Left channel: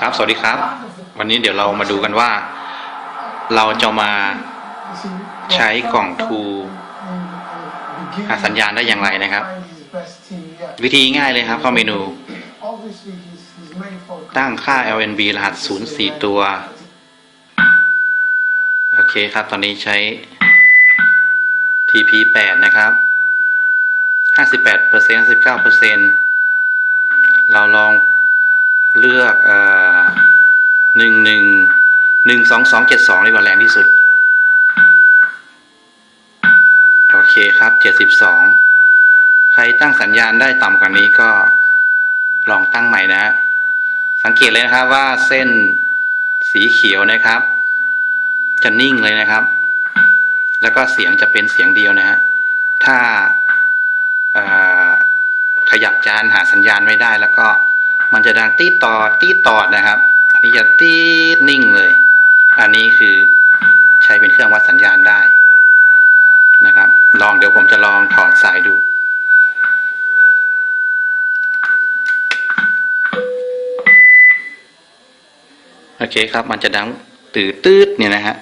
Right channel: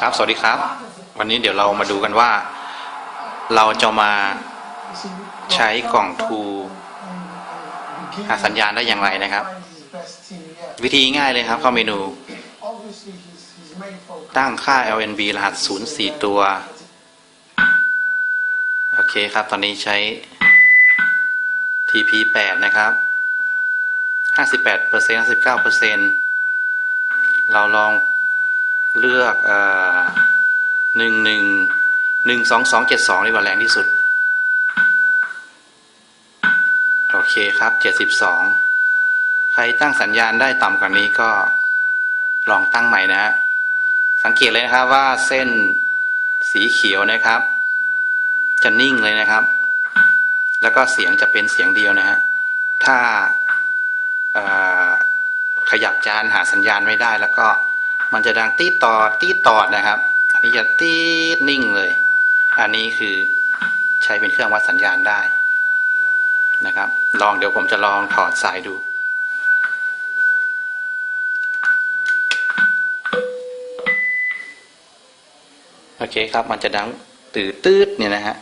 ครับ สวัสดีครับ วันนี้เดี๋ยวเรามาดูกันว่า เราจะมาใช้กล่องทูหาสัญญาณได้อย่างไรนะครับ วิธีง่ายเลยครับเข้าเมนู ตั้งค่า LNB รหัส 04 ตัว โอเคครับ ตอนนี้ใช้ TP 8 นะครับ 58% 59%เราลองเลือกเอ่อ หนึ่งหนึ่งหนึ่งสองสองเจ็ดสองดีกว่าแรงที่สุด โอเคครับเจ็ดสิบสองใครตั้งสัญญาณได้ต่ำกว่านี้ก็ลองตั้งใหม่นะ สังเกตเลยนะครับว่าเส้นสีเขียวนะครับ จะนิ่งเลยนะครับ แล้วก็เสียงจะเป็นเสียงเดียวนะฮะถ้าขยับจานหาสัญญาณไม่ได้แล้วก็มันจะดังตีดตอดตีดตอดนะครับ นี้จะตีดนิ่งเลย อันนี้คือใช้เป็นเครื่องวัดสัญญาณได้นะครับ ลองเดี๋ยวผมจะลองถอดสายดูโอเคครับมันจะดังตืดตืดเนี่ยนะฮะ